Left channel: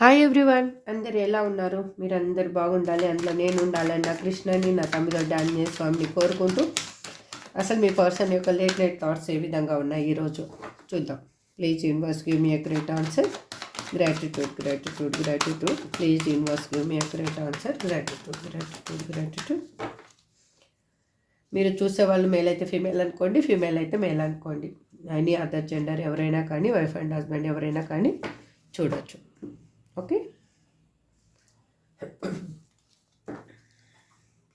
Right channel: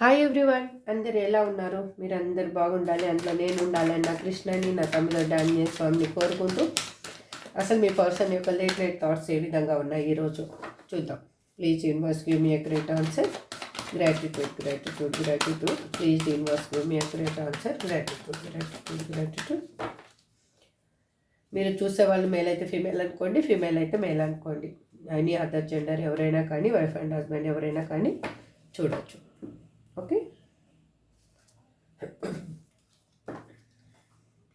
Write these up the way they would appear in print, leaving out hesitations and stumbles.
Hi everyone, అందరు ఎలా ఉన్నారు? మీరు అందరు బాగుండాలి, అందులో నేను ఉండాలని నా కృష్ణని నా తమిళ డాన్య స్వామిని కోరుకుంటూ అసలు మీ పర్సన్ యొక్క లేట్ నైట్ థాట్స్ ఏ విధంగా ఉన్నాయి ఈరోజు చూద్దాం. Please universe give me a great answer. Gratitude gratitude gratitude. Please universe give me a great answer. Gratitude gratitude gratitude. మీరు చూసే వాళ్ళు మేల్ అయితే ఫీమేల్ అనుకోండి, ఫీమేల్ అయితే మేల్ అనుకోండి. ఎనీ అదర్ జెండర్ ఎవరైనా కానీ, వైఫ్ అండ్ హస్బెండ్ ఎవరైనా కానీ చూడొచ్చు. Okay,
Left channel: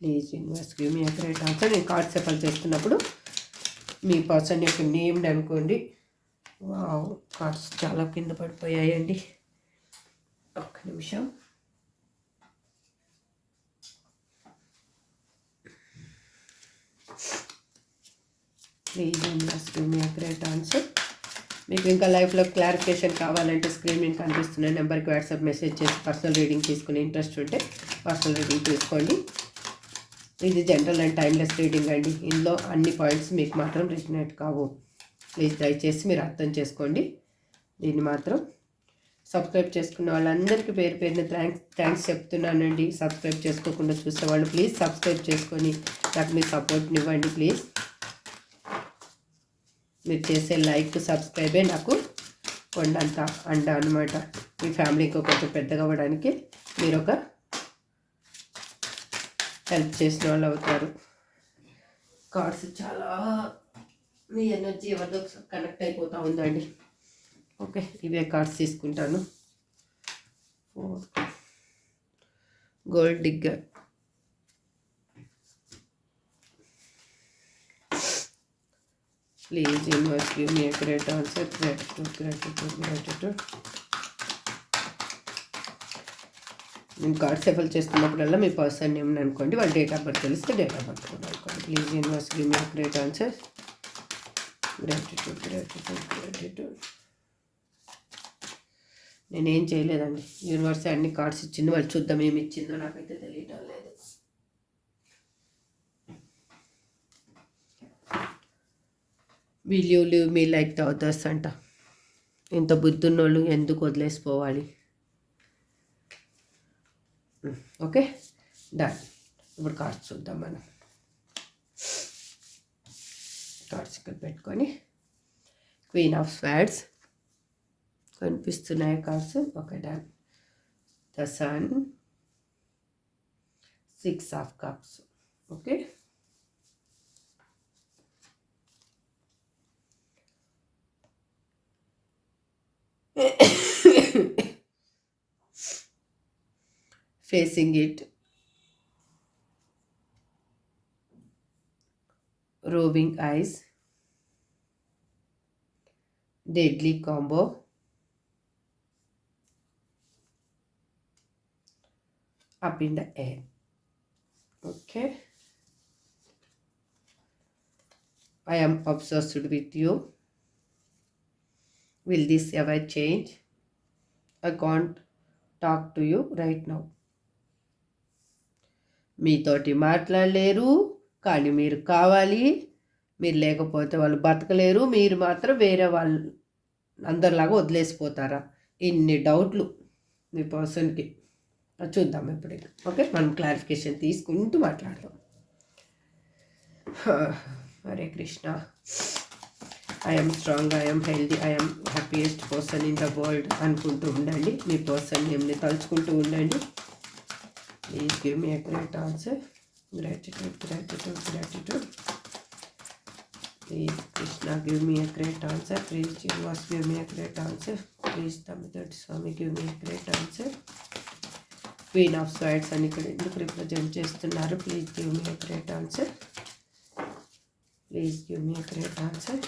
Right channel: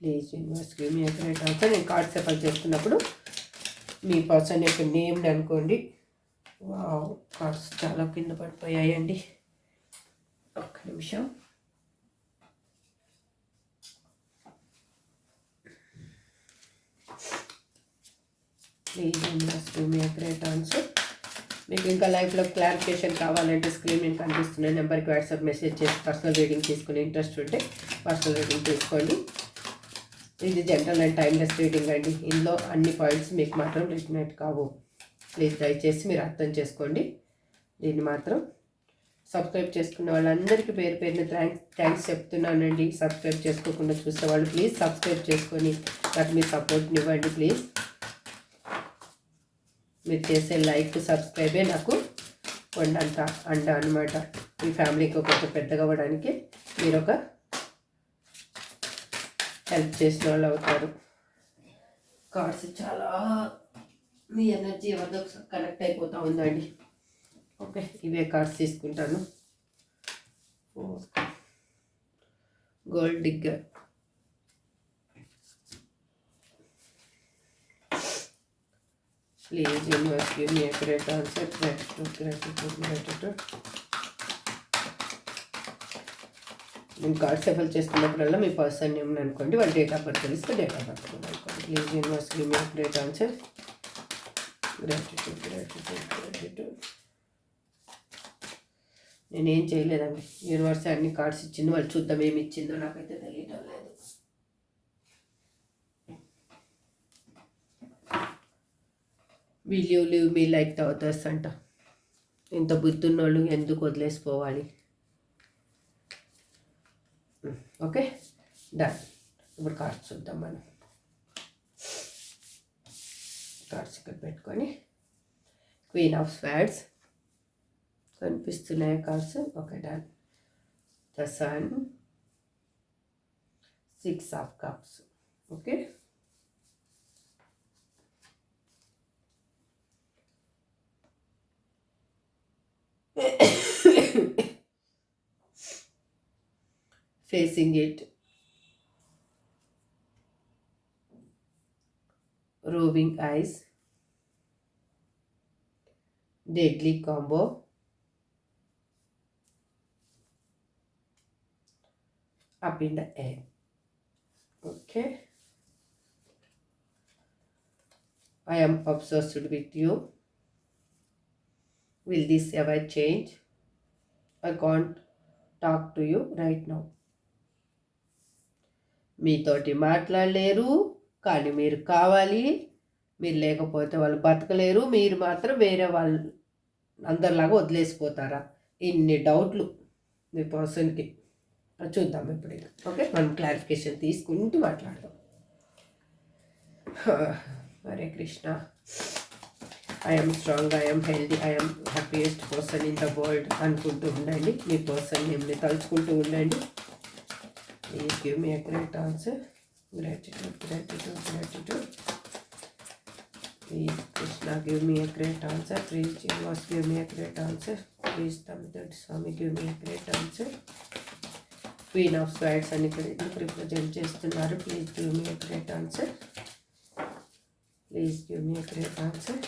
please universe give me a great answer. నేను కార్డ్ సెఫల్ చేస్తున్నప్పుడు మీ పర్సన్ యొక్క నేమ్ని అనుకోండి. కార్డ్స్ చాలా కింద పడిపోయాయండి, ఒక్క నిమిషం. Please universe give me a great answer. మీకు ఇంకా లైఫ్లో క్లారిఫికేషన్ కావాలంటే స్క్రీన్ మీద కనిపిస్తున్న నెంబర్కి వాట్సాప్ మెసేజ్ చేసి పర్సనల్ రీడింగ్ తీసుకుని ఇంట్రెస్ట్ ఉంటే పర్సనల్ రీడింగ్ తీసుకోండి. ఇది జనరల్ అండ్ టైమ్లెస్ రీడింగ్ అండి. ఇందులో అన్ని పాయింట్స్ మీకు మాత్రం రిజనేట్ కావు. ప్లీజ్ దయచేసి మీరు అర్థం చేసుకోండి. దీన్ని మాత్రం సబ్స్క్రైబ్ చేసుకున్న వాళ్ళందరికీ పేరు పేరున థ్యాంక్స్ చెప్తున్నానండి. సబ్స్క్రైబ్ చేసుకోకుండా చూసేవాళ్ళు ప్లీజ్ సబ్స్క్రైబ్ చేసుకొని నాకు మీ సపోర్ట్ని ఇవ్వండి ప్లీజ్. మీరు చేసే లైక్ సబ్స్క్రైబే నాకు కొండంత అండ అనమాట. మీ ఫ్యామిలీకి కొంచెం పెద్దగా అవ్వడానికి మీరు ఒక హెల్ప్ చేసిన వాళ్ళు అవుతారు. కార్డ్స్ చాలా మీ ఎనర్జీ ఎవరితో కనెక్ట్ అయిపోతూ ఉందండి. ఓకే, ఇవే కార్డ్స్ తీసుకుంటాను. Gold digger. Please universe give me a great answer. Gratitude gratitude gratitude. నేను కార్డ్ సెఫల్ చేస్తున్నప్పుడల్లా మీ పర్సన్ నేమ్ అనుకోండి, వాళ్ళ డేట్ ఆఫ్ బర్త్ తెలిస్తే డేట్ ఆఫ్ బర్త్ కూడా అనుకోండి. Please universe give me a great answer. Gratitude gratitude gratitude. నేనేం చేయలేదండి, universe అన్ని cards ఇచ్చింది. వాళ్ళు చూద్దాం ఏమి ఇచ్చిందో, నాకైతే తెలియటం లేదు. Will you live me like the others అంట. ఇంత బుద్ధున్నోళ్ళు ఎందుకు వదిలేసిపోవాలి? Okay, done. ఇప్పుడు కార్డ్స్ చూద్దాం మనం. కార్డ్స్ ఇక్కడ పెట్టుకొని క్వీన్ ఆఫ్ స్వార్డ్స్ కనిపిస్తున్నాయి cards. Okay, done. The sun, 6 of cups. Okay, facing it, roving eyes, deadly combo, up in the air. Okay, I am obsessed with you. Will this ever change? I can't talk to you right now. మీతోటి మాట్లాడలేరు, కానీ మీరు కావాలి. మీరు లేకపోతే వాళ్ళు బతకలేరు. మీరు మాత్రం వేరే వాళ్ళు అందరిలాగా వదిలేసిపోతారా? ఇన్ని డౌట్లు మీ పర్సన్కి. చూద్దాం ఇప్పుడు. ఓకే, మనం క్లారిఫికేషన్ తీసుకుంటూ మాట్లాడదాం. Hare Krishna. I'm strong, I'm healthy, I'm happiest person in the world అనుకుంటూ ఉండండి. మీ పర్సన్ నేమ్ని తలుచుకుంటూ ఉండండి. Please give me a great answer. Gratitude, gratitude, gratitude. Please, Krishna, give me a great answer. Please, Jesus, give me a great answer. Please, Damodar Swami, give me a great answer. Queen of Swords అని ఇక్కడ ఎందుకు represent చేస్తున్నారు? Please give me a great answer. Please give me a great answer.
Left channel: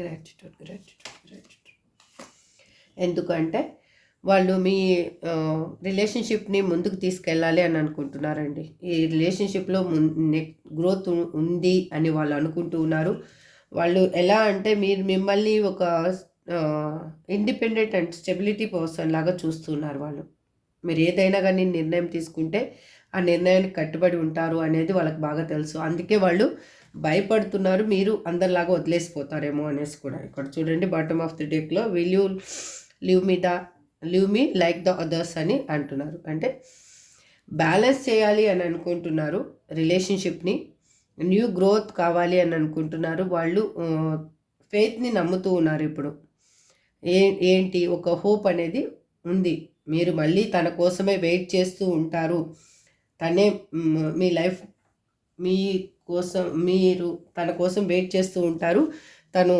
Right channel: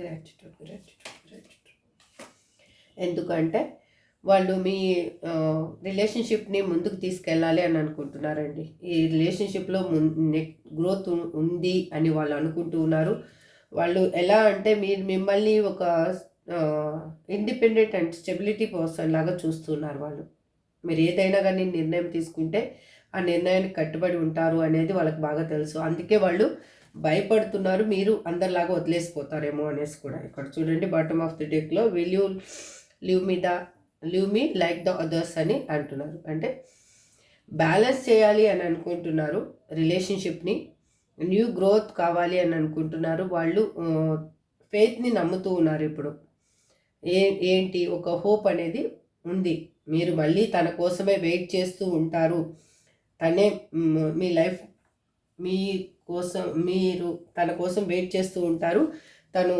Gratitude gratitude gratitude. ఎందుకంటే వాళ్ళు మీ రిలేషన్షిప్ని ముందుకు తీసుకెళ్ళాలి అని అనుకుంటున్నారండి. ఈ రిలేషన్షిప్లో గ్రోత్ ఉంది అని వాళ్ళు అనుకుంటూ ఉన్నారు. వాళ్ళు ఎలా అంటే మిమ్మల్ని ఒక ఇండిపెండెంట్ అండ్ స్టెబిలిటీ పర్సన్ లాగా చూస్తున్నారు వాళ్ళు. మీరు ఏదైనా కానీ నిర్ణయం తీసుకుంటే ఆ నిర్ణయానికి కట్టుబడి ఉంటారు అనేది వాళ్ళకి బాగా తెలుసు. అందుకే వాళ్ళు భయపడుతున్నారు మీరు అందరిలాగా వదిలేసిపోతారేమో అనేసి కూడా. ఇక్కడ చూడండి బాటమ్ ఆఫ్ ది డెక్లో will you live me like the others అని అంటున్నారు. అంటే బ్యాలెన్స్ చేయాలి అని అనుకుంటున్నారు రిలేషన్షిప్ని, న్యూ గ్రోత్ కావాలి అని అనుకుంటున్నారు. వాళ్ళు ఫెయిత్ని నమ్ముతూ ఉన్నారు. ఇప్పుడు ఏంటి ఒక హోప్ అనేది ఉంది. మీరు మళ్ళీ తన కోసమే వెయిట్ చేస్తూ ఉంటారు. తనే మీ లైఫ్ మీ కోసం మీరు తన కోసం వెయిట్ చేస్తూ ఉంటారు. తను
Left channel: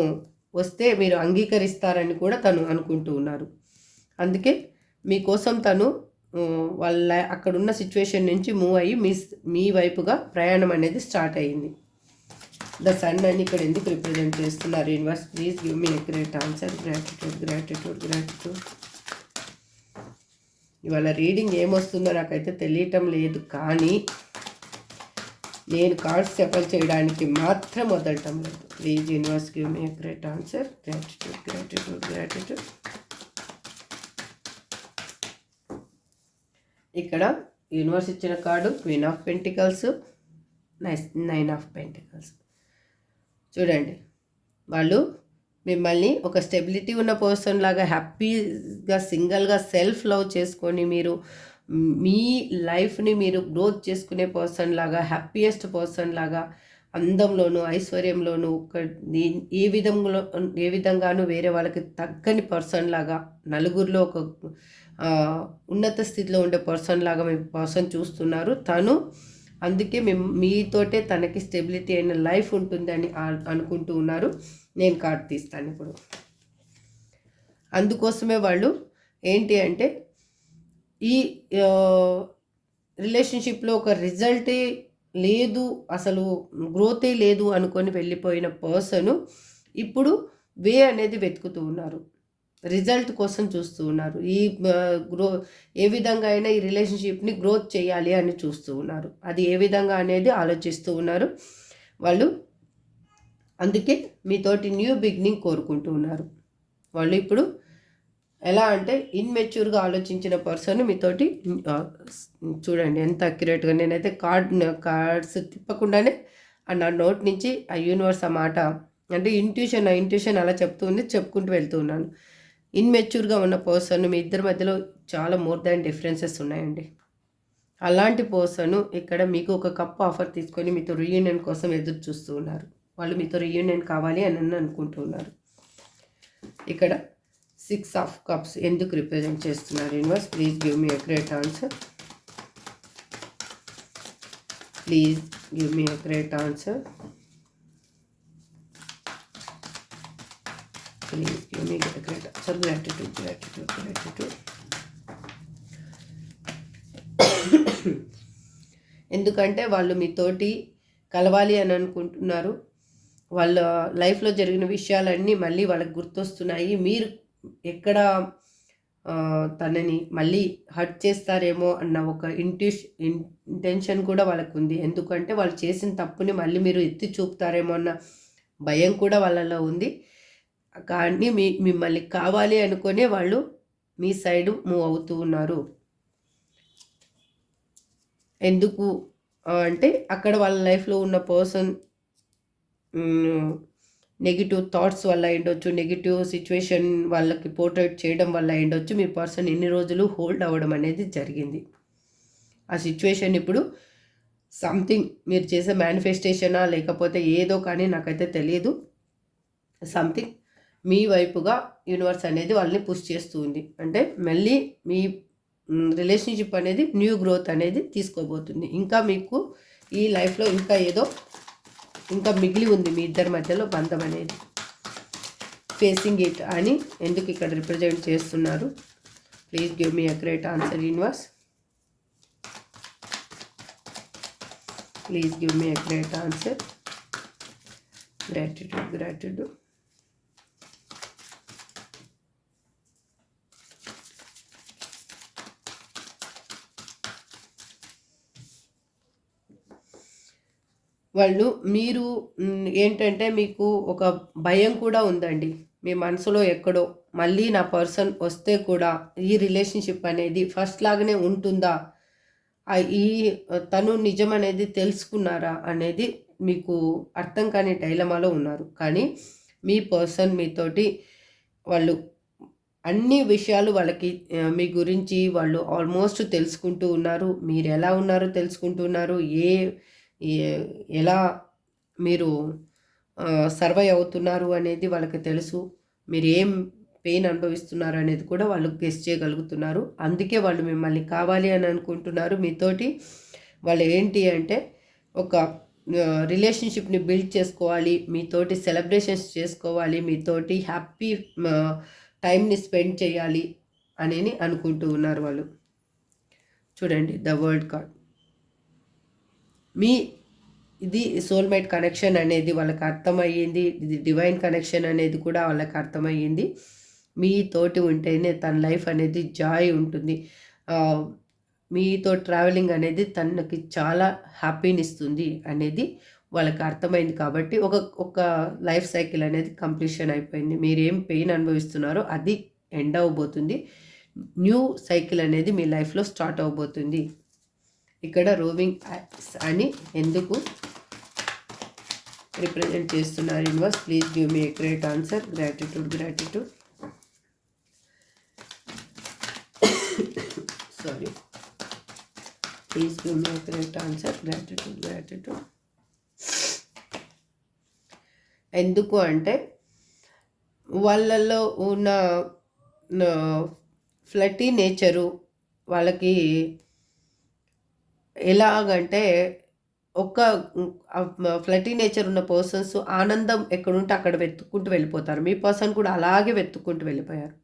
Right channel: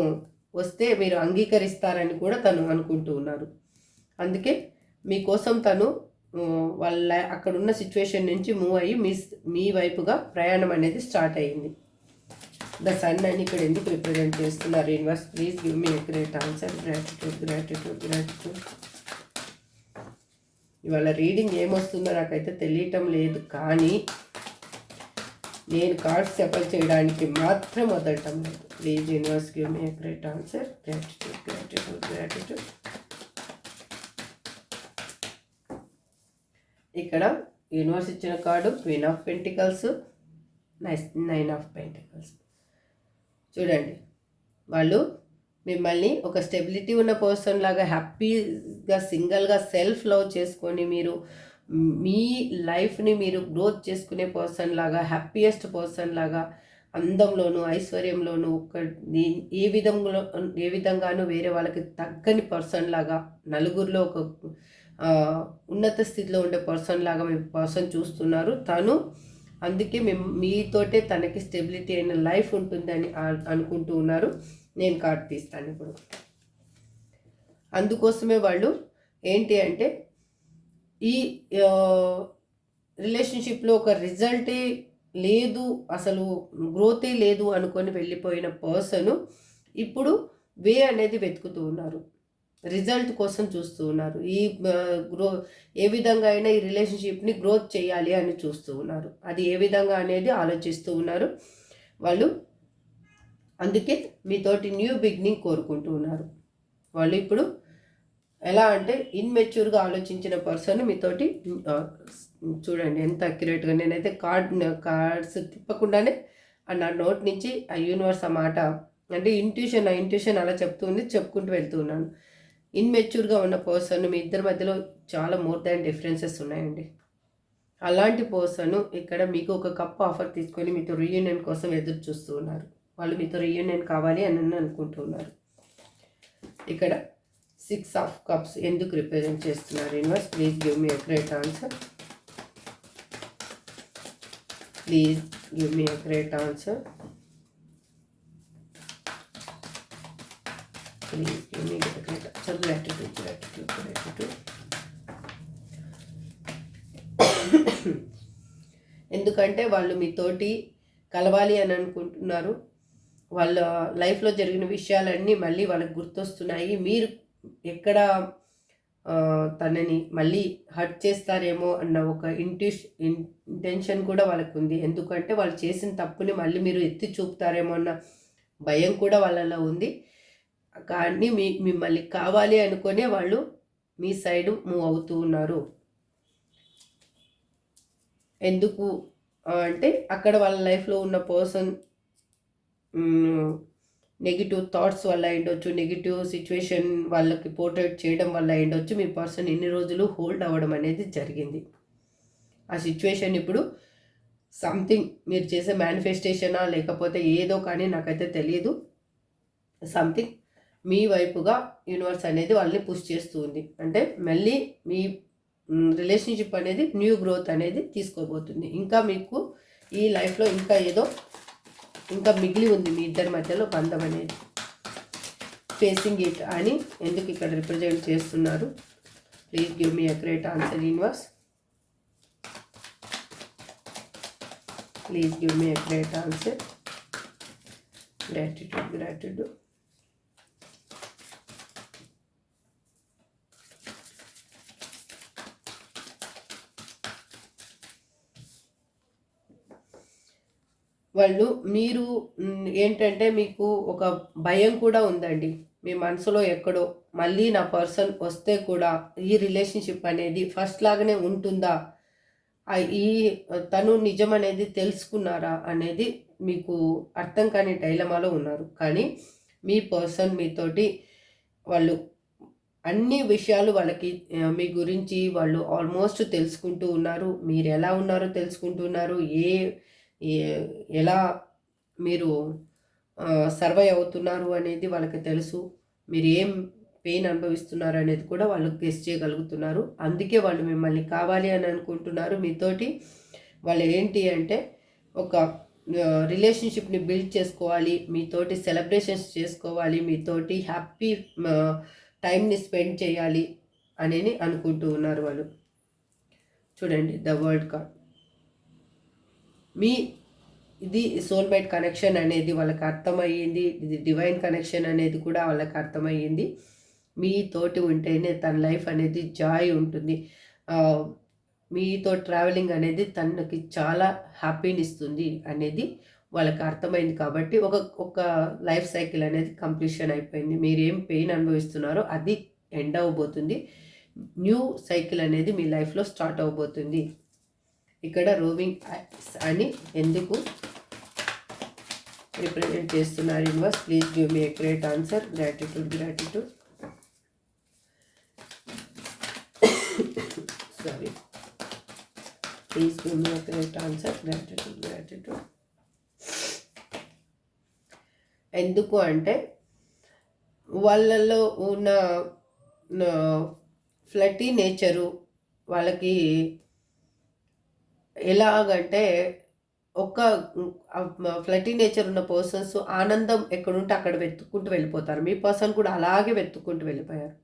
వస్తే మీరు అంగీకరిస్తారని కూడా తను అనుకుంటూ ఉన్నారు. అందుకే మీకోసం తను వాళ్ళ అక్కడున్న సిచ్యువేషన్ నుంచి మూవ్ అయ్యి మీ వైపుగా ప్రయాణం అనేది స్టార్ట్ అయ్యింది. ద సన్ అని ఇక్కడ ఎందుకు రిప్రజెంట్ చేస్తున్నారు universe? Please give me accurate answer. Gratitude. ఇవాళ రీడింగ్ ఏమొస్తుందో నాకైతే తెలియటం లేదు, కానీ నేను కార్డ్స్ సెపల్ చేయడానికి మాత్రం వదలటం లేదు. Please universe give me accurate answer. Gratitude. ఇక్కడ యూనివర్స్ ఇచ్చిన card queen of pentacles, 9 of pentacles. చూడండి, వాళ్ళు మిమ్మల్ని ఒక స్టెబిలిటీ ఉన్న పర్సన్ లాగా హ్యాపీగా సింగిల్గా సెల్ఫ్ లవ్ చేసుకొని మీరు మీ లైఫ్ని మీరు గ్రోత్ చేసుకునే పర్సన్ లాగా, హ్యాపీయెస్ట్ పర్సన్ లాగా, అందంలోనూ ఐశ్వర్యంలోనూ ఏ విధంగానూ వేరే వాళ్ళకి తగ్గని పర్సన్ లాగా, నలుగురిలో ఒక ఉన్నత స్థితిలో ఉండే పర్సన్ లాగా మీ పర్సన్ చూస్తున్నారు. తను అందుకే మీతోటే తనకి స్టెబిలిటీ అయిన లైఫ్ ఉంటుందని అనుకుంటూ ఉన్నారు. నేను కార్డ్ తీస్తాను ఇప్పుడు. అందుకోసమే వాళ్ళు ఏంటి అంటే ఈ రిలేషన్షిప్లో ఒక రిజల్టే లేదు, అసలు గ్రోతే లేదు అనుకొని వెళ్ళిపోయిన పర్సన్ ఇప్పుడు వే అనేది వెతుకుతూ ఉన్నారు, రిజల్ట్ కోసం చూస్తూ ఉన్నారు. ఏ విధంగా అయినా ఈ రిలేషన్షిప్ని గ్రోత్ చేయాలి అని చూస్తూ ఉన్నారు. అది ఏ విధంగా అనేది ఆలోచిస్తూ ఉన్నారు వాళ్ళు. అందుకే మీతోటి న్యూ బిగినింగ్ కోరుకుంటూ ఉన్నారు వాళ్ళు. ఇప్పుడు ఎలా అంటే ఇన్మెచ్యూర్గా ఆలోచించిన పర్సన్ మీతోటి చూడండి ఎంత అక్యురేట్గా. నేనైతే కార్డ్స్ తిప్పకుండానే నా నోట్ నుంచి ఆ యూనివర్స్ ఆ మాట అంటే ఇంట్యూషన్ అలా చెప్పుకుంటూ వెళ్తూ ఉన్నాను. ఇన్మెచ్యూర్గా ఉన్న పర్సన్ మీ ఇద్దరి మధ్యలో చాలా మోర్ దాన్ డిఫరెన్సెస్ ఉన్నాయండి. అలాంటి పర్సన్ ఇక్కడ మీకు ఒక కప్ ఆఫర్ తీసుకొని మీతో రీయూనియన్ కోసం ఎదురు చూస్తూ ఉన్నారు. వాళ్ళు మీతో రీయూనియన్ కావాలి అని అనుకుంటూ ఉన్నారు. ఇక్కడ 6 ఆఫ్ కప్స్ ఎందుకు రిప్రజెంట్ చేస్తున్నారు universe? Please give me a great answer. Please give me a great answer. Please give me a great answer. Gratitude. ఎందుకంటే వాళ్ళు మీతోటి కలవాలి అని అనుకుంటున్నారు. వాళ్ళ లైఫ్లో జరిగిన విషయాలన్నీ మళ్ళీ వాళ్ళకి గుర్తొస్తున్నాయి. మీరు ఎక్కడ తనని మళ్ళీ హర్ట్ చేస్తారేమో అన్న ఒక ఇంటెన్షన్ కూడా వాళ్ళకు ఉంది. ఎందుకంటే వాళ్ళు చేసిన తప్పుని మళ్ళీ మీరు ఎత్తి చూపుతారేమో అన్న భయం కూడా వాళ్ళలో ఉంది. కానీ మిమ్మల్ని కావాలి అనుకునే వాళ్ళు మీ సైడు మూవ్ అవుతూ ఉన్నారు. ఎందుకు అంటే అక్కడ వాళ్ళ లైఫ్లో ఉన్న పర్సన్ నెగిటివ్ థాట్స్ వల్ల అయ్యుండొచ్చు, నెగిటివ్ సిచ్యువేషన్ వాళ్ళకి పోర్ట్రేట్ చేయడం వల్ల అయ్యుండొచ్చు. మీ పర్సన్ ఎన్ని రోజులు హోల్డ్ అవ్వడం అనేది జరిగింది. ఆ సిచ్యువేషన్ ఇప్పుడు సంథింగ్ మీరు చేసే మేనిఫెస్టేషనా లేకపోతే ఏదో కానీ నాకైతే తెలియదు. సంథింగ్ మీ వైపుగా యూనివర్స్ అనేది వాళ్ళని పుష్ చేస్తూ ఉంది. అంటే మళ్ళీ మీ రిలేషన్షిప్ అనేది న్యూ గ్రోత్ అనేది తీసుకోబోతుంది. ఇంకా మీకు ఈ లైఫ్లో ఇంకా మిగిలి ఉంది మీ ఇద్దరి మధ్యలో బంధం అనేది. ఫేసింగ్ ఇట్ అని ఎందుకు ఇక్కడ రిప్రజెంట్ చేస్తున్నారు? Please give me a great answer universe. Please give me a great answer. Gratitude. మీరు ఏంటంటే మీకు ఒక భయం కూడా ఉందండి మీ మనసులో ఎక్కడో, మళ్ళీ నా పర్సన్ వస్తే కూడా ఈ రిలేషన్షిప్ అనేది ఫస్ట్ లాగానే ఉంటుందా, ఈ తను నిజం అనేది తెలుసుకున్నారా అనేది మీకు అర్థం కాని డైలమాలో ఉన్నారు. కానీ మీ పర్సన్ మీతోటి వాళ్ళు అన్ని విషయాలు వాళ్ళకి మీ గురించి వాళ్ళు ఆల్మోస్ట్ తెలుసుకుంటూ ఉన్నారు. మీరు ఎలా ఉన్నారో తెలుసుకుంటున్నారు. ఎలా మీరు సర్వైవ్ అవుతున్నారు అనేది వాళ్ళకి తెలుసు. మీరు ఏం పెయిన్ అనుభవిస్తున్నారు అనేది కూడా వాళ్ళు గెస్ చేయగలుగుతున్నారు. అందుకే వాళ్ళు మిమ్మల్ని కావాలి అని అనుకుంటున్నారు. మీతోటి వాళ్ళు ఏంటి అంటే ఒక రిలేషన్షిప్ని బిల్డ్ చేసుకోవాలి, మీతోటి సెలబ్రేషన్స్ చేసుకోవాలి, మీతోటి హ్యాపీ టైంని స్పెండ్ చేయాలి అని అనుకుంటూ ఉన్నారు వాళ్ళు. చూడండి ద వరల్డ్ కార్డ్. ఇది సోల్మేట్ కనెక్షన్ అనేది వాళ్ళకి అర్థమయ్యింది. ఇది డివైన్ కనెక్షన్ అనేది కూడా వాళ్ళకి అర్థమయ్యింది. మీతోటి ఉంటేనే తన లైఫ్ అనేది జాయ్ ఉంటుంది. మీతో ట్రావెలింగ్ అనేది తనకి చాలా హ్యాపీనిస్తుంది అనేది వాళ్ళకి అర్థమైంది. కాబట్టి ఒక లైఫ్ సైకిల్ అనేది కంప్లీషన్ అయిపోయింది. మీరేం పెయిన్ అనుభవిస్తున్నారో అది ఎండ్ అవ్వబోతుంది. న్యూ సైకిల్ అనేది మీ లైఫ్లో స్టార్ట్ అవ్వబోతుంది. ఇక్కడ రూవింగ్ అని ఎందుకు రిప్రజెంట్ చేస్తున్నారు universe? Please give me a great answer. Gratitude. Sorry, please give me a great answer. Gratitude. ఎందుకు అంటే వాళ్ళల్లో ఉన్న ఫ్లటీ నేచరు వాళ్ళకి ఎలాగంటే ఒక ఫ్లటీ నేచర్ ఉన్న పర్సన్స్ ఆనందం ఎక్కడుంటే అక్కడ వెతుక్కుంటూ వెళ్ళిపోతారు. మీ పర్సన్ కూడా అలాగే వెతుక్కుంటూ వెళ్ళిపోయారు.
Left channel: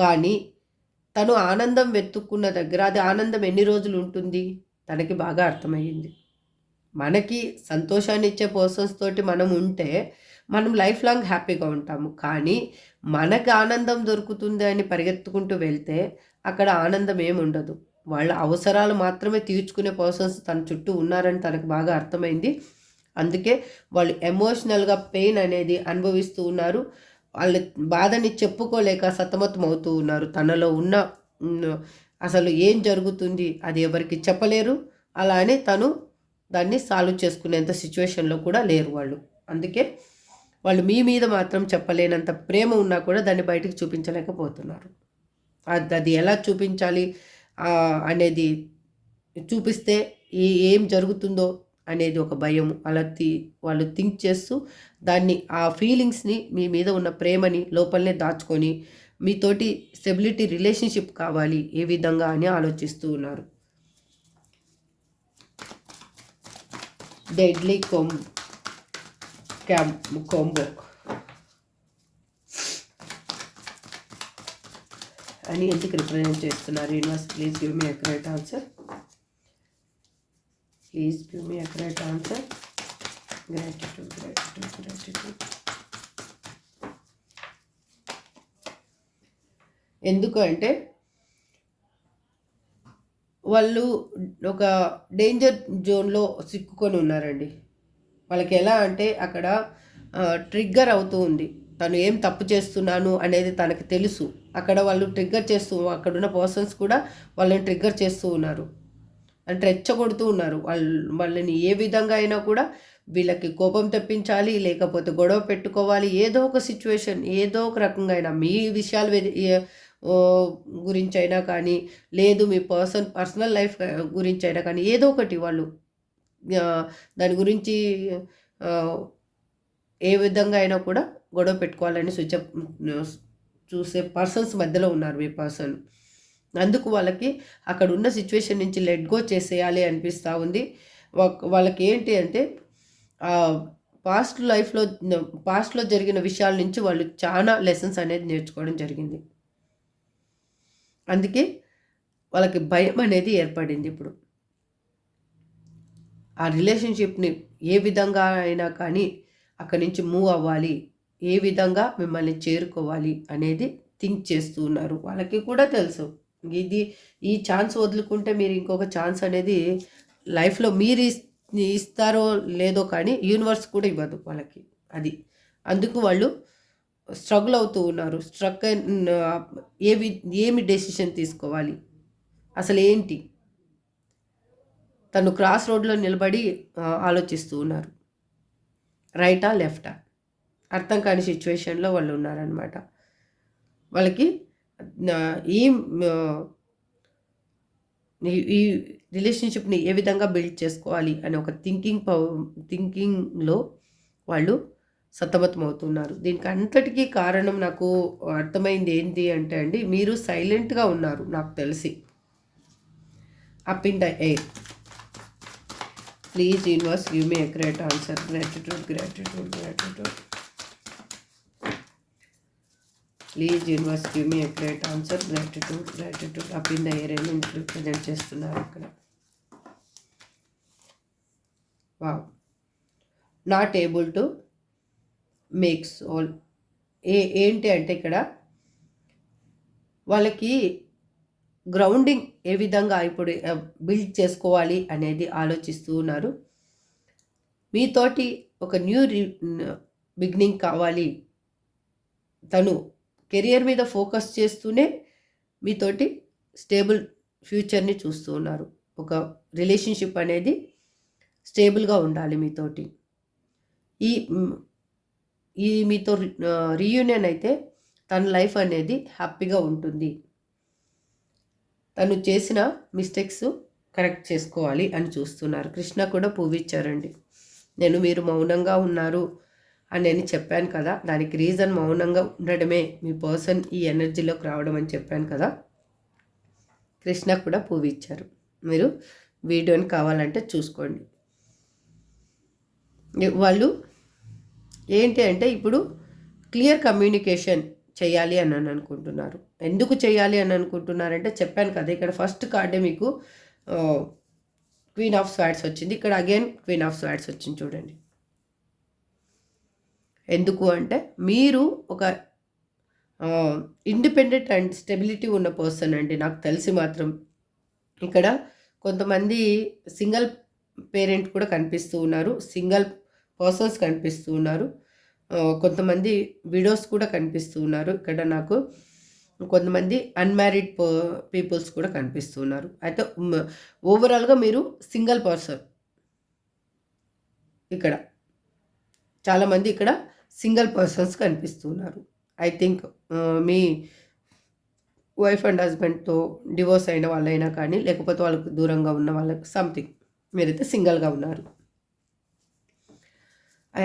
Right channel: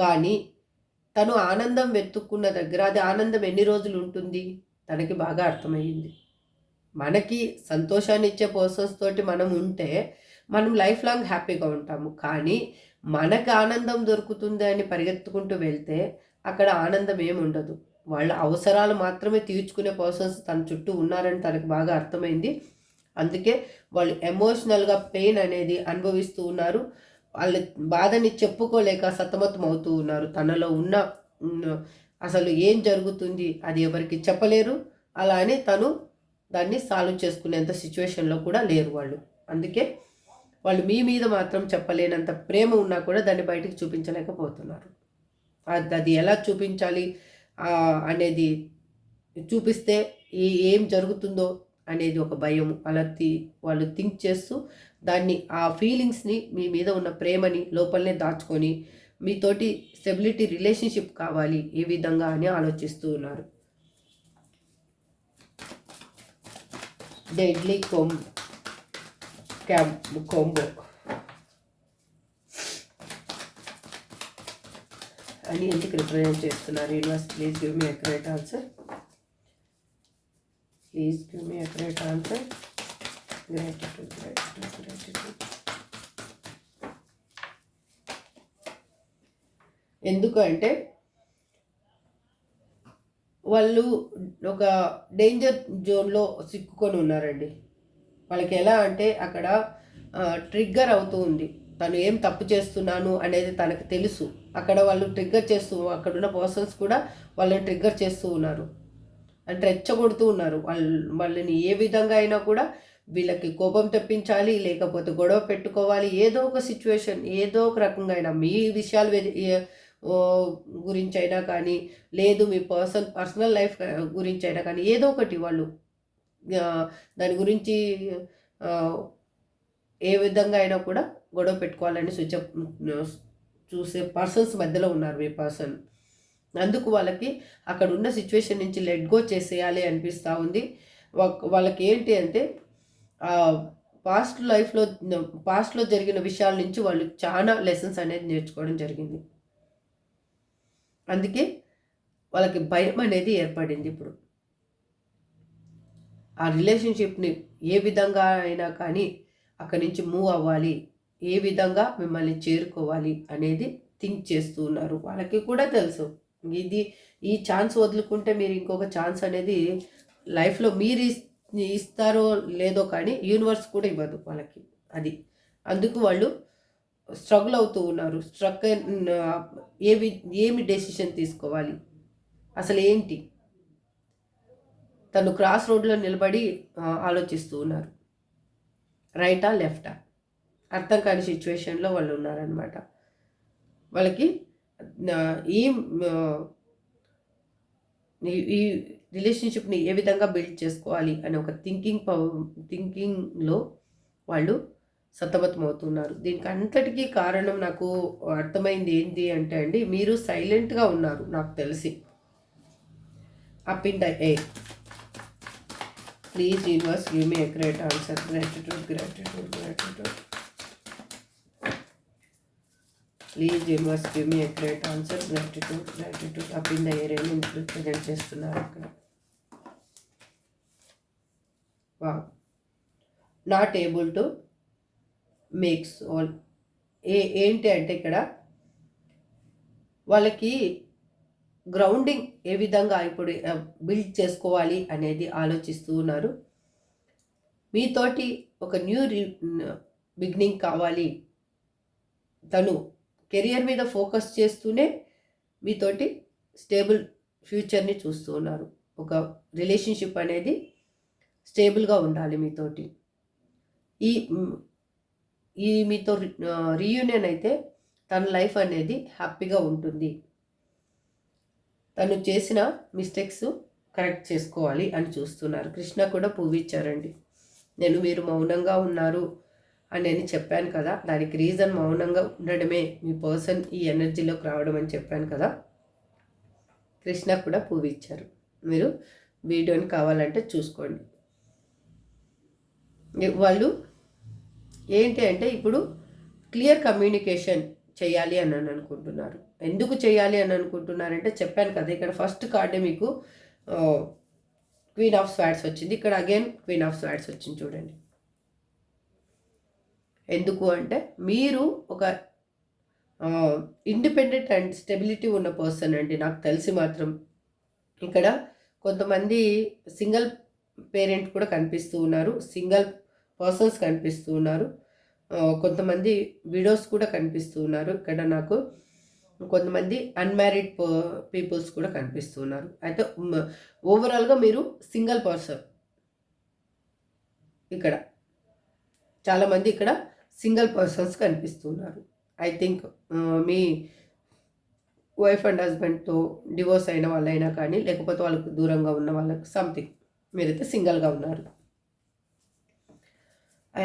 కానీ తను ఆనందం వెతుక్కున్న దగ్గర అది ఆనందం ఎన్ని రోజులు ఉంటుంది తనకి బాగా అర్థమయ్యింది. మనకి సంతోషాన్ని ఇచ్చే పర్సన్స్ తోటి మనం ఉంటే మనం లైఫ్ లాంగ్ హ్యాపీగా ఉంటాము. కానీ మనకి ఆనందం దొరుకుతుంది అని పరిగెత్తుకుంటూ వెళ్తే అక్కడ ఆనందం ఏముండదు. వాళ్ళ అవసరాలు మాత్రమే తీర్చుకునే పర్సన్స్ తన చుట్టూ ఉన్నారని తనకు బాగా అర్థమైంది. అందుకే వాళ్ళు ఎమోషనల్గా పెయిన్ అనేది అనుభవిస్తూ ఉన్నారు. వాళ్ళ బాధని చెప్పుకోలేక సతమతం అవుతూ ఉన్నారు. తనలో ఉన్న అసలు ఏం జరుగుతుంది అది ఎవరికి చెప్పలేరు. అలా అని తను దాన్ని సాల్వ్ చేసుకునేంత సిచ్యువేషన్లో కూడా లేరు వాళ్ళు. అందుకే వాళ్ళు మీ మీద మాత్రం చెప్పలేనంత ప్రేమ ఉన్నా కూడా దాన్ని బయటికి చూపించలేకపోతున్నారు. అది ఎలా చూపించాలి అనేది చూపిస్తే ఏం జరుగుతుందో అనేది ఒక భయం. అలా వాళ్ళు థింక్ చేస్తూ దాన్ని ఆ ఫీలింగ్స్ని మీ మీద ఉన్న ప్రేమని లోపలనే దాచుకొని మీతోటి స్టెబిలిటీ రిలేషన్షిప్ కావాలి ఏ విధంగా అని ఆలోచిస్తూ ఉన్నారు. డెడ్లీ కాంబో అని ఎందుకు రిప్రజెంట్ చేస్తున్నారు universe? Please give me accurate answer. Gratitude. ఎందుకంటే వాళ్ళు ఒక డేంజర్ జోన్లో సిక్కుకొని ఉన్నారండి. వాళ్ళకి ఎలా అంటే అక్కడ ట్రిగ్గర్ అవుతూ ఉంది. తను ఏం తప్పు చేస్తున్నాను అనేది తనకు తెలుసు. అక్కడ వాళ్ళు ట్రిగ్గర్ చేస్తూ అక్కడున్న పర్సన్స్ కూడా వాళ్ళని ట్రిగ్గర్ చేస్తూ ఉన్నారు. అంటే రెచ్చగొడుతూ ఉన్నారు. వాళ్ళని ఏ విధంగా అయినా కూడా వీళ్ళకి కోపం తెప్పించాలి, లేకపోతే గొడవ పెట్టుకోవాలి. ఏదో ఒక సిచ్యువేషన్ ఏదో ఒక రకంగా అయినా మీ విషయాలు గురించి అయినా కానీ, లేదు మీ పర్సనల్ లైఫ్ గురించి అయినా కానీ ఏదో ఒకటి వాళ్ళు దాని గురించి ఏ విధంగా అయినా కూడా గొడవ పెట్టుకోవాలని చూసే పర్సన్స్ మధ్యలో ఉన్నారు మీ పర్సన్. అందుకు వాళ్ళకి అక్కడ ఉన్న సిచ్యువేషన్ నుంచి లెట్ గో చేసేయాలి అనిపిస్తూ ఉంది. వాళ్ళకి ఏంటి అంటే పాస్ట్లో జరిగిన విషయాల నుంచి వాళ్ళు చాలా లెసన్స్ అనేది నేర్చుకోవడం జరిగింది. అందుకే వాళ్ళకి భయం అనేది ఏర్పడింది. ఇప్పుడు ఆ రిలేషన్షిప్ని ఏ విధంగా అయినా కానీ అక్కడి నుంచి మూవ్ అవ్వాలి, ఏ విధంగా మిమ్మల్ని చేరుకోవాలి అనేది థింక్ చేస్తూ ఉన్నారు. వాళ్ళకి కూడా తెలుసు ఈ ఛాన్స్ వదులుకుంటే మీరు ఇంకొక ఛాన్స్ అనేది లైఫ్లో మీరు ఇస్తారో లేదో కానీ యూనివర్స్ కూడా ఇవ్వదు వాళ్ళకి. అందుకు వాళ్ళు స్ట్రగుల్ అవుతూ ఉన్నారు. ఏమి డెసిషన్ తీసుకోవాలి, అసలు ఏంటి, తను క్రాస్ రోడ్లో నిలబడి ఆలోచిస్తూ ఉన్నారు. రైటా లెఫ్టా అర్థం కాని సిచ్యువేషన్లో వాళ్ళు ఉన్నారనమాట. వాళ్ళకి ఈ ఈ రిలేషన్షిప్ని ఏ విధంగా బిల్డ్ చేసుకోవాలి అనే ఒక థింకింగ్లో వాళ్ళు సతమతమవుతున్నారు. దీనికి అంతటికీ కారణం నాకు అర్థమైంది ఏంటి అంటే అండి, మీరు సైలెంట్గా ఉన్నారు నాకు తెలిసి. Up in the air. Please universe give me a great answer. Gratitude. Please universe give me a great answer. Gratitude. Up in the air అని రిప్రజెంట్ చేస్తున్నారు అక్కడ. Wow. Not able to makes all. ఏంటి అంటే ఇక్కడ వాళ్ళకి grounding ఏ విధంగా ఇప్పుడు build చేసుకోవాలి అనేది ఆలోచిస్తూ ఉన్నారు. మీతోటి ఒక న్యూ బిగినింగ్ కావాలి. తను కెరియర్ మీద ఫోకస్ చేస్తూనే మీతోటి స్టేబుల్ ఫ్యూచర్ని చూస్తూ ఉన్నారు. ఒక రిలేషన్షిప్ అనేది స్టేబుల్గా ఉండాలి మీతోటి. ఈ మీతో రీయూనియన్ అయితే తన లైఫ్ అనేది హ్యాపీగా ఉంటుంది. తను చేసిన మిస్టేక్స్ కరెక్ట్ చేసుకోవాలి అని చూస్తున్నారు. కృష్ణ కూడా పువ్విచ్చారండి. మీరు మౌనంగా ఉన్నారు అని నేను చెప్పాను కదా, దానికి రీజన్ మౌనంగా ఉండడమే, మీ పర్సన్ ఈ ఎనర్జీలోకి రావడం అని చెప్పాను కదా. కృష్ణ కూడా పువ్విచ్చారు. మీరు వీడియోని కావాలంటే చూసుకోండి. వాళ్ళు ఏంటి అంటే ఇప్పుడు క్లియర్ కమ్యూనికేషన్ చేయాలి అని అనుకుంటున్నారు. ఎందుకు చేయాలి అని అనుకుంటున్నారంటే చెప్పాను కదా, ఇక్కడ ఫస్ట్ కార్డే మీకు క్వీన్ ఆఫ్ స్వార్డ్స్ వచ్చింది. ఇక్కడ అగైన్ క్వీన్ ఆఫ్ స్వార్డ్స్ వచ్చింది చూడండి. ఎందుకు అంటే మీరు ఒక ఇండిపెండెంట్ అండ్ స్టెబిలిటీ ఉన్న పర్సన్ అండి నాకు తెలిసి మాత్రం. ఇక్కడ కొంతమంది సింగిల్ పేరెంట్ కూడా కనిపిస్తూ ఉన్నారు, సింగిల్ పర్సన్స్ కనిపిస్తూ ఉన్నారు, కొంతమంది విడోస్ కూడా కనిపిస్తూ ఉన్నారు. ఇక్కడ నాకు కొంతమంది అన్మ్యారీడ్ పీపుల్స్ కూడా కనిపిస్తూ ఉన్నారు. అయితే ఓవరాల్గా మీరు సింగిల్ పర్సన్. ఇక్కడ చాలామంది ఇక్కడ సింగిల్ పర్సన్స్ కనిపిస్తూ ఉన్నారు. ఐ థింక్ మీ వైఫ్ అండ్ హస్బెండ్తో డివోర్స్ అయిన వాళ్ళైనా కానీ, లేకపోతే వాళ్ళకు దూరంగా ఉన్న వాళ్ళకి సంథింగ్, మీరైతే సింగిల్గా ఉన్నారు. I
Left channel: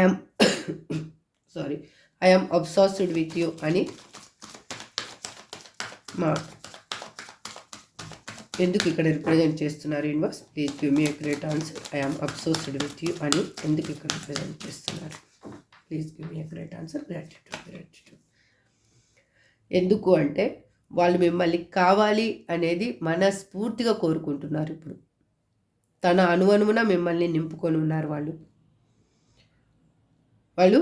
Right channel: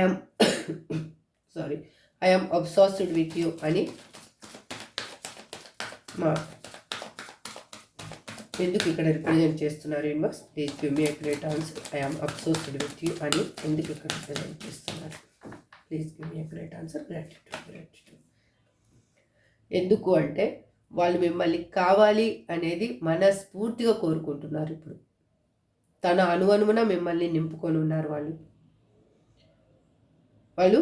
am obsessed with you అని ఎందుకు ఇక్కడ రిప్రజెంట్ చేస్తున్నారు universe? Please give me a great answer. I am obsessed with you అని ఎందుకు ఇక్కడ రిప్రజెంట్ చేస్తున్నారు? Please give me a great answer. Gratitude. ఎందుకు అంటే వాళ్ళు మిమ్మల్ని కావాలి అనేది మనస్ఫూర్తిగా కోరుకుంటున్నారు. ఇప్పుడు తన అనువనువున మిమ్మల్ని నింపుకొని ఉన్నారు. వాళ్ళు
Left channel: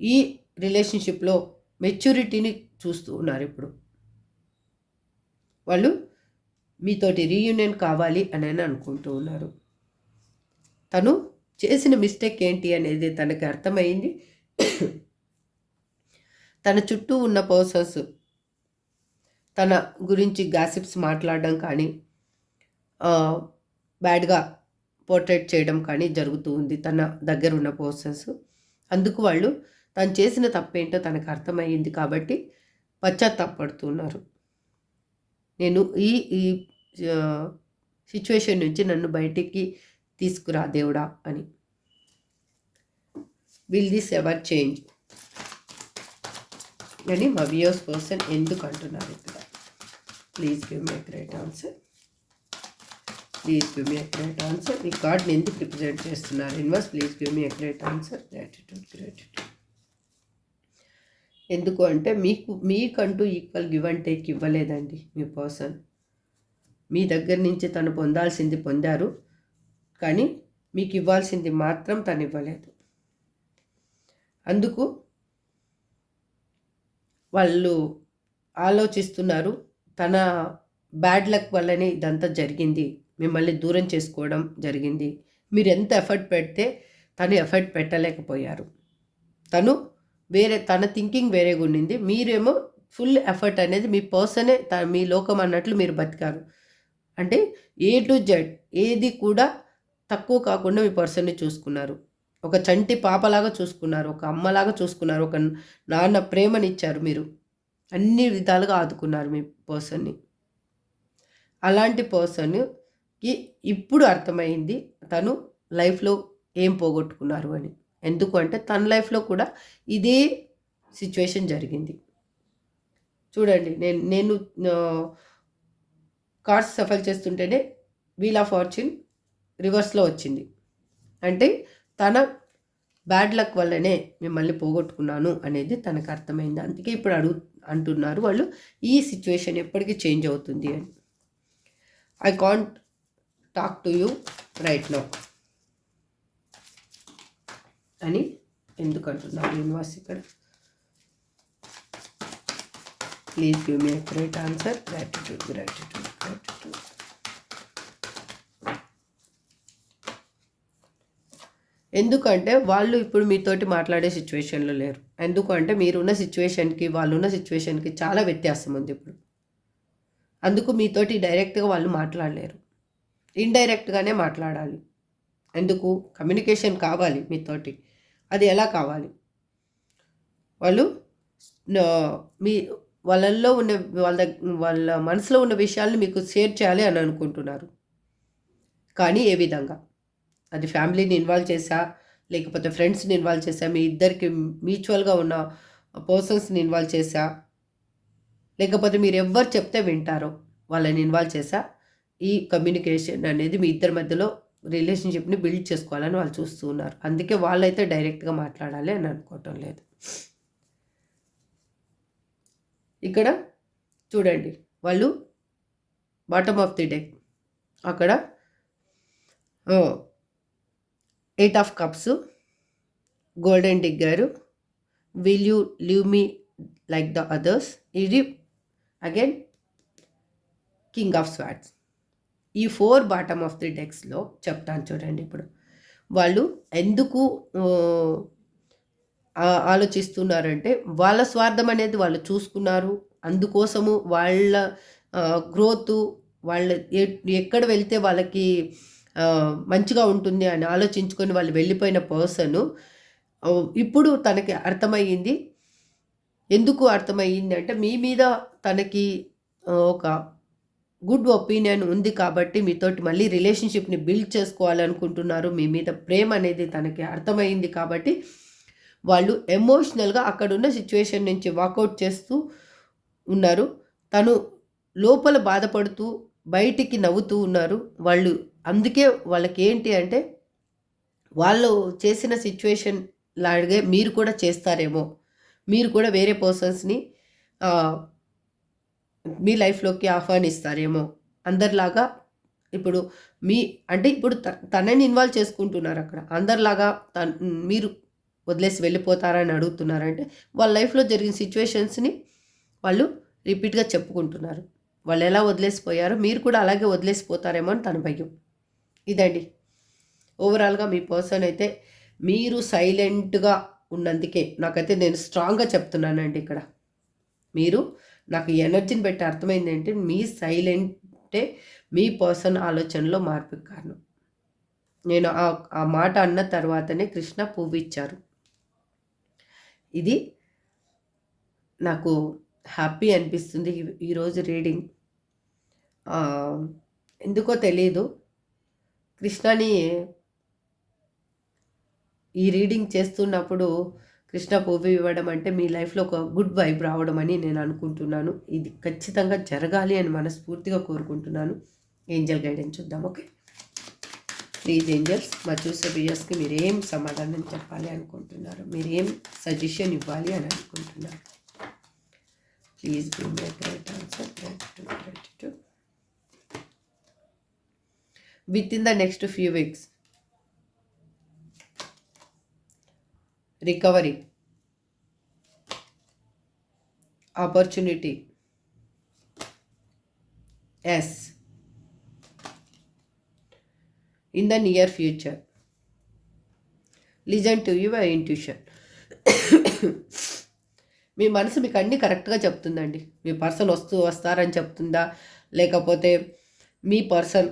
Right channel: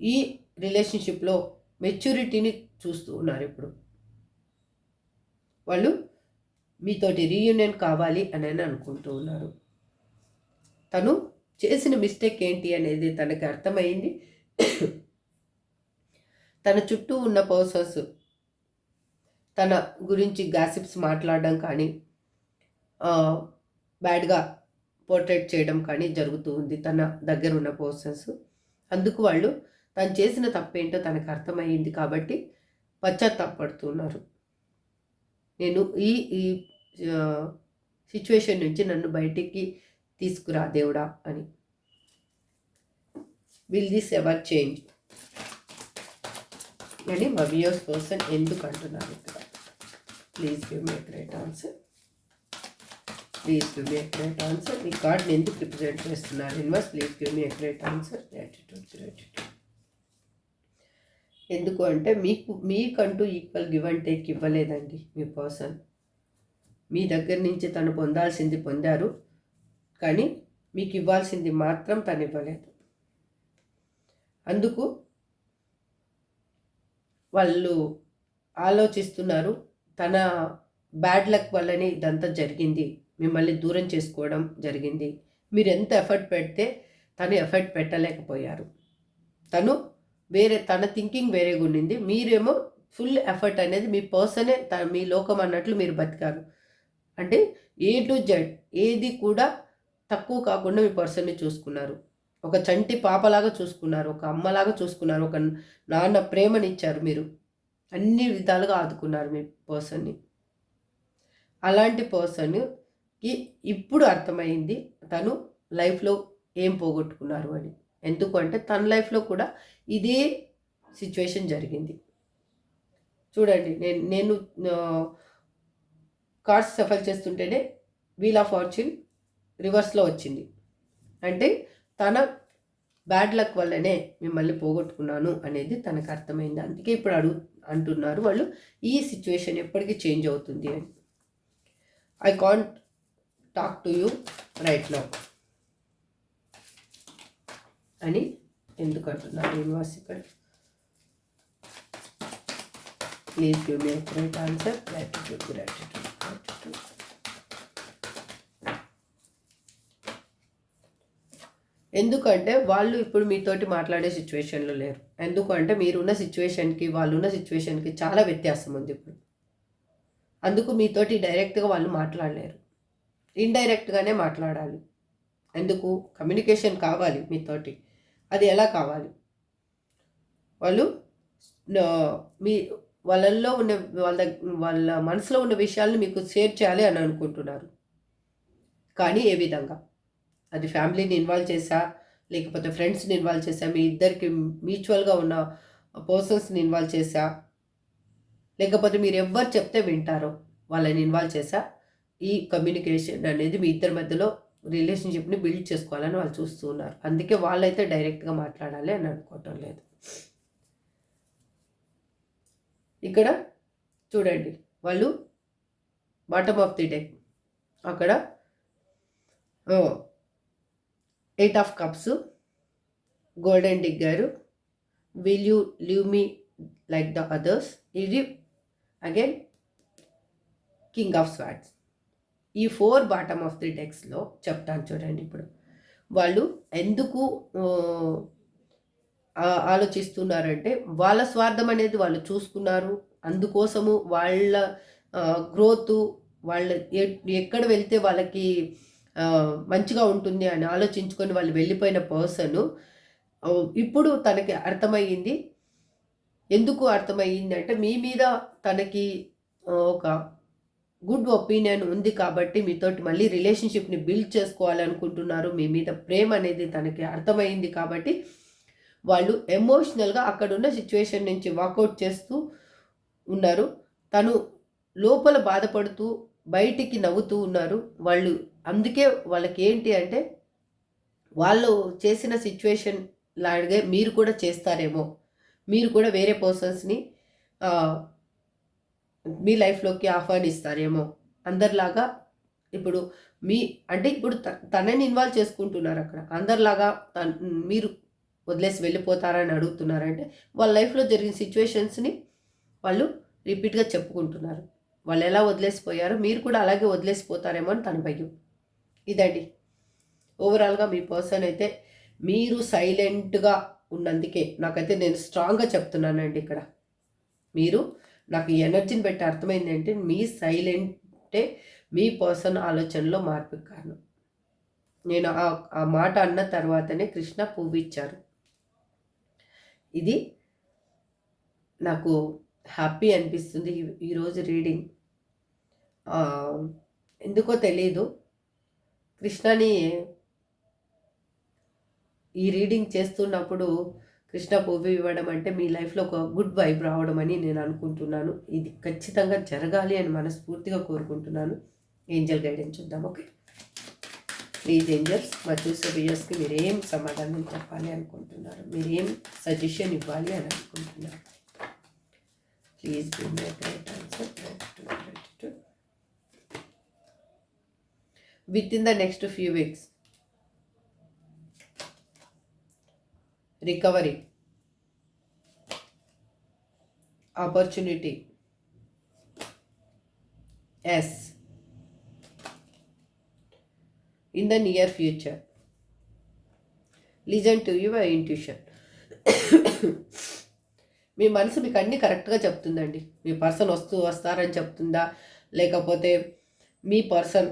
ఈ రిలేషన్షిప్లో మెచ్యూరిటీని చూస్తూ ఉన్నారు. ఇప్పుడు వాళ్ళు మీతోటి రీయూనియన్ కావాలి అని అనుకుంటూ ఉన్నారు. తను చేసిన మిస్టేక్ ఏంటి అనేది తనకి అర్థమైంది. తన చుట్టూ ఉన్న పర్సన్స్ తన గురించి గాసిప్స్ మాట్లాడడం కానీ, బ్యాడ్గా పోర్ట్రేట్ చేయడం కానీ జరుగుతూ ఉంది తన దగ్గర ఉన్న పర్సన్స్. అందుకు వాళ్ళు తను చేసిన తప్పేంటో తనకు అర్థమైంది కాబట్టి పశ్చాత్తాపడుతున్నారు. నేను ఈ సిచ్యువేషన్ నుంచి నన్ను బయటికి తీసుకురా దేవుడా అని. విల్ దిస్ ఎవర్ చేంజ్ అని మా వ్యూయర్స్ పర్సన్ ఎందుకు అంటున్నారు ఇక్కడ? Please give me a great answer. Please give me a great answer. మీ కార్డ్ని ఎందుకు రిప్రజెంట్ చేస్తున్నారు universe? Please give me a great answer. Gratitude. ఎందుకు అంటే మీకంటూ ఈక్వల్ గివ్ అండ్ టేక్ ఇవ్వలేదండి మీ పర్సన్. మీ దగ్గర నుంచి తను పొందాల్సింది పొందారు, కానీ మీకు ఇవ్వాల్సింది మాత్రం తను ఇవ్వలేదు. అందుకు వాళ్ళు ఆలోచిస్తున్నారు, తన బ్యాడ్ లక్ వల్లనే ఇదంతా జరిగింది, మిమ్మల్ని దూరం చేసుకోవడం జరిగింది. మీరు ఎంత ఎఫర్ట్ పెడితే తను ఎఫర్ట్ పెట్టలేకపోయారు. తన థింకింగ్ వేరేగా ఉండింది. మీరేమో ఫుల్ ఎఫర్ట్ అనేది మీ పర్సనే మీ లోకం అన్నట్లు మీరు బతికారు. అంటే A to Z ఏది కూడా తక్కువ కాకుండా మీ పర్సన్ని చూసుకున్నారు. ఒక చంటి పాపలాగా చూసుకున్నారు, ఒక అమ్మలాగా చూసుకున్నారు, ఒక నాన్న ప్రేమనిచ్చారు మీరు. అన్ని విధాలుగా ఆదుకున్నారు మీ పర్సన్‌ని. అలాంటి పర్సన్‌కి ఇప్పుడు అర్థమైంది తను లైఫ్‌లో ఏం పోగొట్టుకున్నారు అని. ఎందుకు అంటే తన లైఫ్‌లో కూడా ఇదే సిట్యుయేషన్ జరిగింది. చూడండి నేను కార్డ్స్ షఫల్ చేస్తుంటేనే వీల్ ఆఫ్ ఫార్చ్యూన్ రివర్స్‌లో వచ్చింది. అంటే తన బ్యాడ్ లక్ వల్లనే మిమ్మల్ని పోగొట్టుకున్నాను అనేది తనకు అర్థమైంది. అందుకే ఇప్పుడు అంటున్నారు వాళ్ళు ఈ సిట్యుయేషన్ ఎప్పటికి చేంజ్ అవుతుంది అని. I can't talk to you right now అని ఎందుకు అంటున్నారు యూనివర్స్ ఇక్కడ. Please give me right answer. Gratitude gratitude gratitude. ఎందుకంటే వాళ్ళు ఇప్పుడు మీతోటి మాట్లాడే సిచ్యువేషన్లో లేరు. ఎందుకంటే మీరున్న సిచ్యువేషన్కి వాళ్ళున్న సిచ్యువేషన్కి చాలా వ్యత్యాసం ఉంది ఇప్పుడు. అందుకు మీతోటి డైరెక్ట్గా వాళ్ళు మాట్లాడలేరు, ఇండైరెక్ట్గానే మాట్లాడాలి. ఎందుకు? కమ్యూనికేషన్ కావాలి మీతోటి. అది ఎలా కావాలి? వాళ్ళు మీ వాళ్ళల్లో ఉన్న వాళ్ళ మనసులో ఉన్న విషయాలను మీకు షేర్ చేయాలి అని అనుకుంటున్నారు. కానీ ఏ విధంగా? అది ఫ్యామిలీని ఇన్వాల్వ్ చేసా, లేకపోతే ఫ్రెండ్స్ని ఇన్వాల్వ్ చేసా, మీ ఇద్దరికి మ్యూచువల్గా ఉన్న పర్సన్స్ని ఇన్వాల్వ్ చేసా, లేకపోతే మీరు ఎవ్వరు చెప్తే వింటారో వాళ్ళని ఇన్వాల్వ్ చేసా, ఈ కమ్యూనికేషన్ అనేది మీ ఇద్దరి మధ్యలో రిలేషన్షిప్ని బిల్డ్ చేసుకోవాలని వాళ్ళు చూస్తూ ఉన్నారు. అందుకే వాళ్ళైతే డైరెక్ట్గా మాట్లాడాలి అని అనుకోవటం లేదు. ఇక్కడ చూడండి, వాళ్ళు బాటమ్ ఆఫ్ ది డెక్ అక్కడ 8 of cups, golden digger, will you leave me like the others, ఇది అగైన్ కింగ్ ఆఫ్ స్వార్డ్స్. ఈ 4 బాటమ్ ఆఫ్ ది డెక్స్లో చెప్తాను చూడండి. ఇప్పుడు వాళ్ళు ఎందుకు ఆలోచిస్తున్నారంటే వాళ్ళ స్వార్థం అనేది వాళ్ళు చూసుకున్నారు. అందుకోసము వాళ్ళ గ్రోత్, వాళ్ళ ఎక్కడ వెళ్తే వాళ్ళకి మంచిగా ఉంటుంది అని ఆలోచించుకొని వాళ్ళు వెళ్ళిపోయిన పర్సను ఇప్పుడు తనకి అర్థమయ్యింది. ఎందుకు అర్థమయ్యింది అంటే మీ మీద తనకి ఒక గుడ్ ఒపీనియన్ ఉంది కాబట్టి మీతోటి మళ్ళీ రిలేషన్షిప్ని బిల్డ్ చేసుకోవాలనుకుంటున్నారు. మీ మీద ప్రేమ అనేది తనకి అర్థమైంది కాబట్టి వాళ్ళు ఎమోషనల్గా అక్కడున్న సిచ్యువేషన్ నుంచి వాకౌట్ చేస్తూ ఉన్నారు. తను లోపల బాధపడుతూ బయటికి నవ్వుతూ ఉన్నారు వాళ్ళు. అందుకే వాళ్ళకి ఏంటి అంటే వాళ్ళు చేసిన సిచ్యువేషన్ లాగే మీరు కూడా చేస్తారేమో, మీరు కూడా వేరే పర్సన్స్ని మీ లైఫ్లోకి ఆహ్వానిస్తారేమో అందరిలాగా. ఇప్పుడు ఇప్పుడు తనని ఇన్వాల్వ్ చేసుకుంటున్నారు అక్కడ. అందరిలాగా మీరు వదిలేసి వెళ్ళిపోతారని అడుగుతున్నారంటే వాళ్ళ లైఫ్లో జరిగిన సిచ్యువేషన్స్ని వాళ్ళు రిపీట్గా చెప్పుకుంటున్నారు. వాళ్ళు ఎలా వదిలేసిపోయారో మీరు కూడా అలాగే వదిలేసిపోతారేమో అని తన భయం. ఇదండి ఓవరాల్గా మీ పర్సన్ అయితే మీరు సైలెంట్గా ఉన్నందుకే నాకైతే నేను స్ట్రాంగ్గా చెప్తున్నానండి. ఇక్కడ మీరు నాకు ఎనర్జీని పెట్టి అర్థమైంది అంటే మీ సైలెంటే మీ పర్సన్ ఆలోచనలో మార్పుకి కారణం. నేను ఆ మాట అన్న తర్వాతనే కృష్ణ పువ్వు ఇచ్చారు. ఇది నాకు హ్యాపీ అనిపిస్తుంది ఈరోజు రీడింగ్. ఎందుకో తెలీదు, కృష్ణని ఈ రీడింగ్ చేస్తున్నప్పుడు కృష్ణ పువ్వు ఇవ్వడం అంటే మీ లైఫ్లో ఒక గుడ్ వైబ్ రావడం అని నేను అనుకుంటున్నాను. ఇది ఖచ్చితంగా జరగాలి అని మనస్ఫూర్తిగా కోరుకుంటున్నాను. ఏంజల్ గైడెన్స్ చూద్దాం. ఓకే, ప్లీజ్ ఏంజల్స్ మా చూసే వ్యూయర్స్కి మీరు ఏం సమాధానం చెప్పాలి అనుకుంటున్నారు, మీరు ఏం సజెషన్ ఇవ్వాలి అని అనుకుంటున్నారు? Please give me right answer. Gratitude. With in the next few weeks recovery, opportunity, yes, in the near future. Listen to your intuition. మీ మనసు మీకు అన్నీ కరెక్ట్గా చెప్తుందండి. మీ పర్సన్ వస్తారని చెప్తుందా, లేకపోతే మీ పర్సన్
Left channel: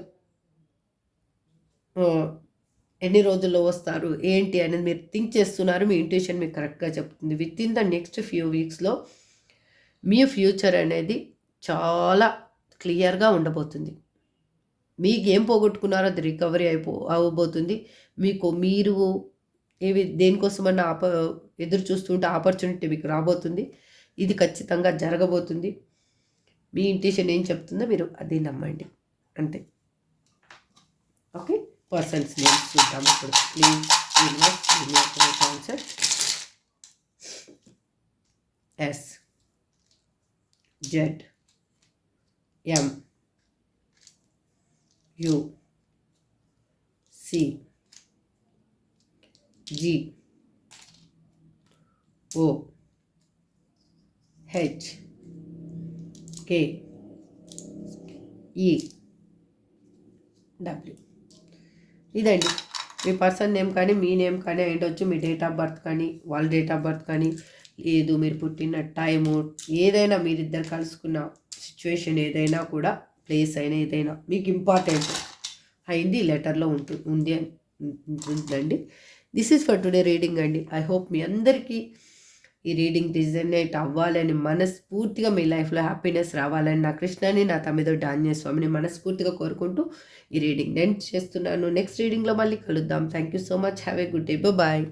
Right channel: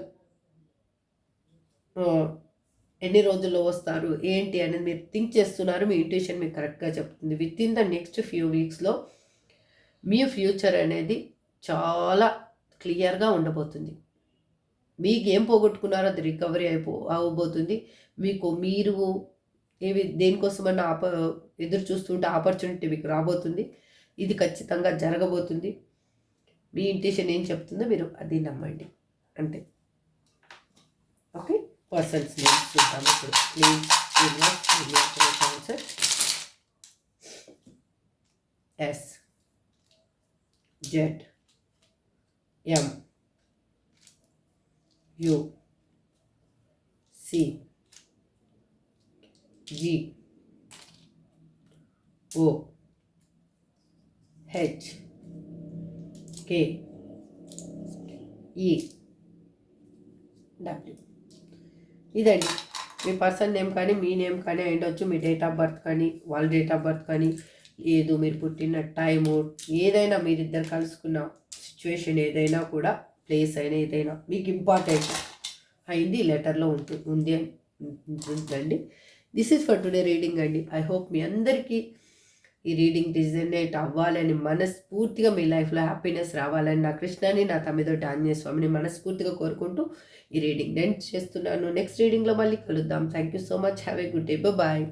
ఎన్ని రోజుల్లో వస్తారు ఏంటి అనేది మీరు థింక్ చేస్తున్నారు. మీ ఇంట్యూషన్ మీకు కరెక్ట్గా చెప్తుంది. Within the next few వీక్స్లో మీ ఫ్యూచర్ అనేది చాలా క్లియర్గా ఉండబోతుంది. మీకు ఏం పోగొట్టుకున్నారో అది రికవరీ అవ్వబోతుంది. మీరు దేనికోసమన్నా ఎదురు చూస్తుంటే ఆపర్చునిటీ మీకు రాబోతుంది. ఇది ఖచ్చితంగా జరగబోతుంది. మీ ఇంట్యూషన్ ఏం చెప్తుందో మీరు అది నమ్మండి అంతే. ఓకే, పర్సన్స్ నేమ్స్ చూద్దాం ఇప్పుడు. Please answer. S, Z, M, U, C, G, O, H, K, E, W. ఇదండి మీ పర్సన్ నేమ్ కానీ మీ నేమ్ కానీ అయ్యుండొచ్చు. మీ డేట్ ఆఫ్ బర్త్ కానీ వాళ్ళ డేట్ ఆఫ్ బర్త్ కానీ, లేదు మీరు పుట్టిన టైము, ఏదైనా మీరిద్దరు కలుసుకున్న సిచ్యువేషన్ ఏదైనా కూడా, ప్లేస్ అయినా ఏదైనా మీకు ఇంపార్టెంట్ అయింది లెటర్లో ఉంటుందండి. This is for today reading అండి. ఐ హోప్ మీ అందరికీ ఈ రీడింగ్ రిజనేట్ అవ్వాలని, మనస్ఫూర్తిగా మీ లైఫ్లో హ్యాపీనెస్ రావాలని నా కృష్ణని, నా తమ్మిదొడ్డి ఆంజనేయ స్వామిని మనస్ఫూర్తిగా కోరుకుంటూ ఈ రీడింగ్ నేను చేస్తున్నాను. నెక్స్ట్ రీడింగ్లో మళ్ళీ కలుద్దాం. Thank you so much. Have a good day. Bye.